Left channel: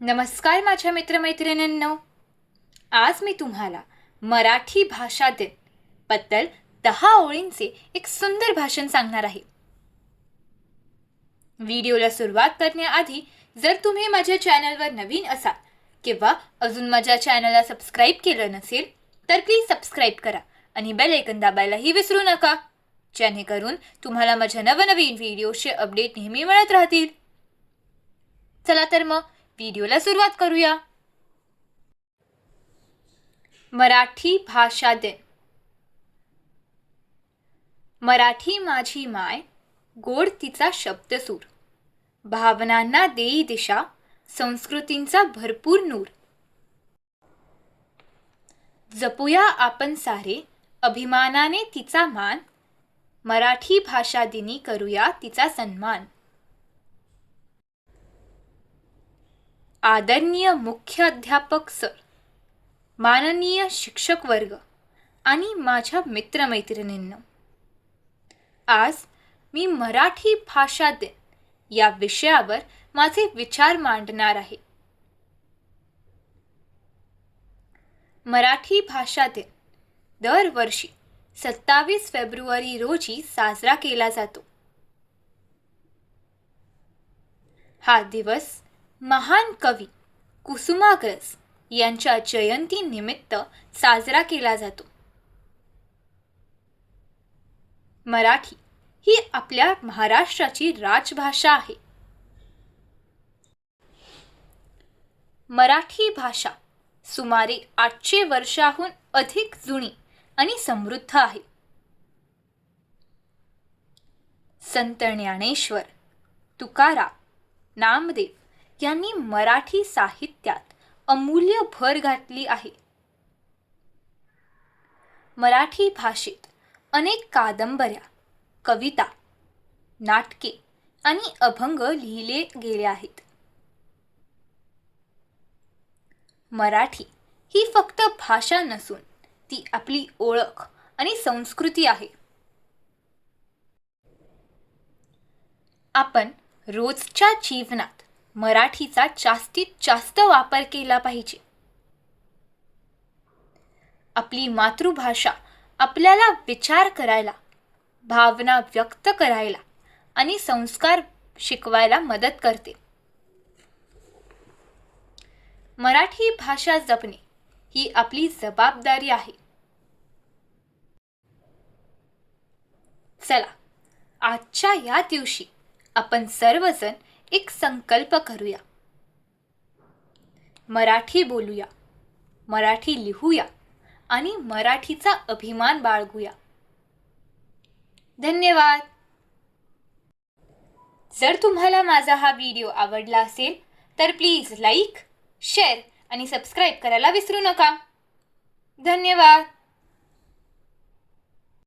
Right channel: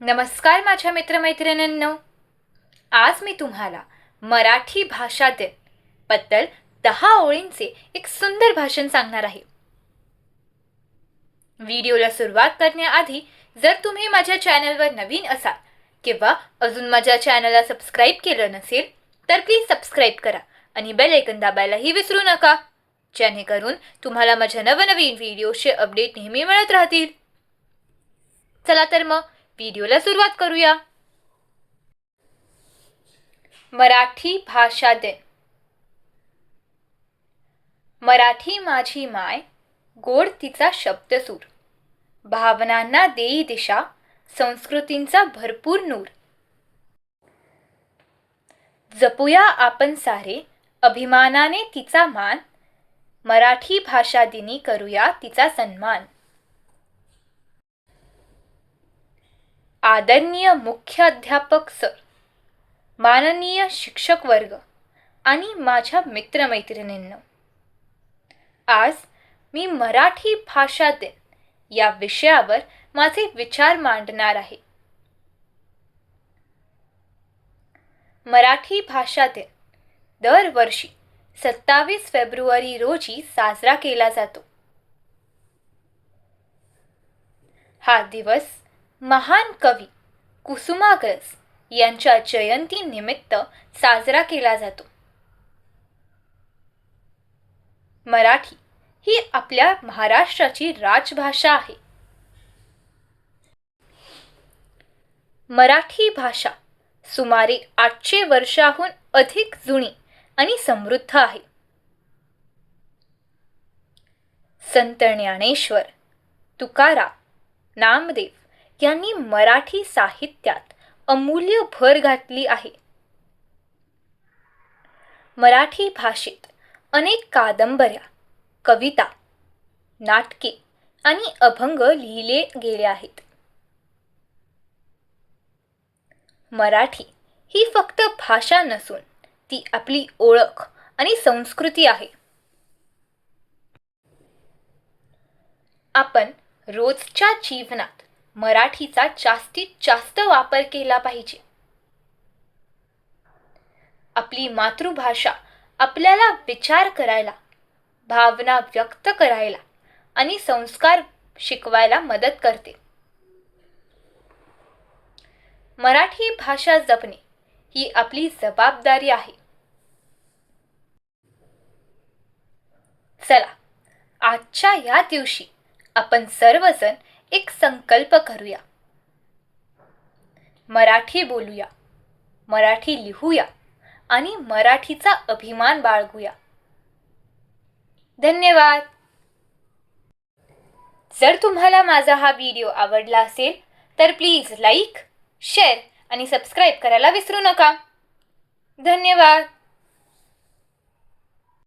नमस्कार माझ्या मित्रमैत्रिणींनो. आज मी तुम्हाला मराठी भाषा दिन बद्दल 10 ओळींचे एक सुंदर भाषण सांगणार आहे. व्हिडिओला सुरुवात करण्याआधी जर तुम्ही माझ्या चॅनलवर नवीन असाल किंवा अजून माझ्या चॅनलला सबस्क्राईब केलं नसेल तर प्लीज सबस्क्राईब करा आणि बेल आयकॉन दाबायलाही विसरू नका, जेणेकरून तुम्हाला माझ्या नवनवीन व्हिडिओचे अपडेट नेहमी मिळत राहतील. चला तर मग व्हिडिओला सुरुवात करूया. मराठी भाषा दिन. मराठी माझी माय, गोड तिचा शब्दसूर, भावनांना देई दिशा, संस्कृतींचा भरपूर नूर. जपूया आपण सारे अभिमानाने तिचा मान, मराठी भाषा दिनी करूया तिचा सन्मान. आदरणीय मुख्याध्यापक सर, माननीय शिक्षक वर्ग आणि माझ्या मित्रमैत्रिणींनो, आज मी मराठी भाषा दिन या विषयावर माझे विचार मांडणार आहे. मराठी भाषा दिन दरवर्षी 27 फेब्रुवारी रोजी साजरा केला जातो. हा दिवस महान कवी कुसुमाग्रज यांच्या जयंतीनिमित्त साजरा केला जातो. मराठी ही आपल्या महाराष्ट्राची राजभाषा आहे. मराठी भाषा सुमारे 800 वर्षाहून अधिक जुनी आणि समृद्ध आहे. संत ज्ञानेश्वर, तुकाराम, नामदेव यांनी मराठी साहित्यात अमूल्य भर घातली आहे. मराठी भाषेत अनेक कादंबऱ्या, कविता, नाटके आणि अभंग लिहिले गेले आहेत. मराठी ही फक्त भाषा नसून ती आपली ओळख आणि संस्कृती आहे. आपण रोजच्या जीवनात मराठीचा जास्तीत जास्त वापर केला पाहिजे. आपली मातृभाषा आपल्याला विचार करायला, भावना व्यक्त करायला आणि संस्कार शिकवायला मदत करते. मराठी भाषा जपणे ही आपली जबाबदारी आहे. चला, आजच्या या दिवशी आपण सर्वजण एक संकल्प करूया. मराठी बोलूया, मराठी लिहूया आणि मराठीचा अभिमान बाळगूया. धन्यवाद. जर तुम्हाला माझा हा व्हिडिओ आवडला असेल तर प्लीज लाईक, शेअर आणि सबस्क्राईब करायला विसरू नका. धन्यवाद.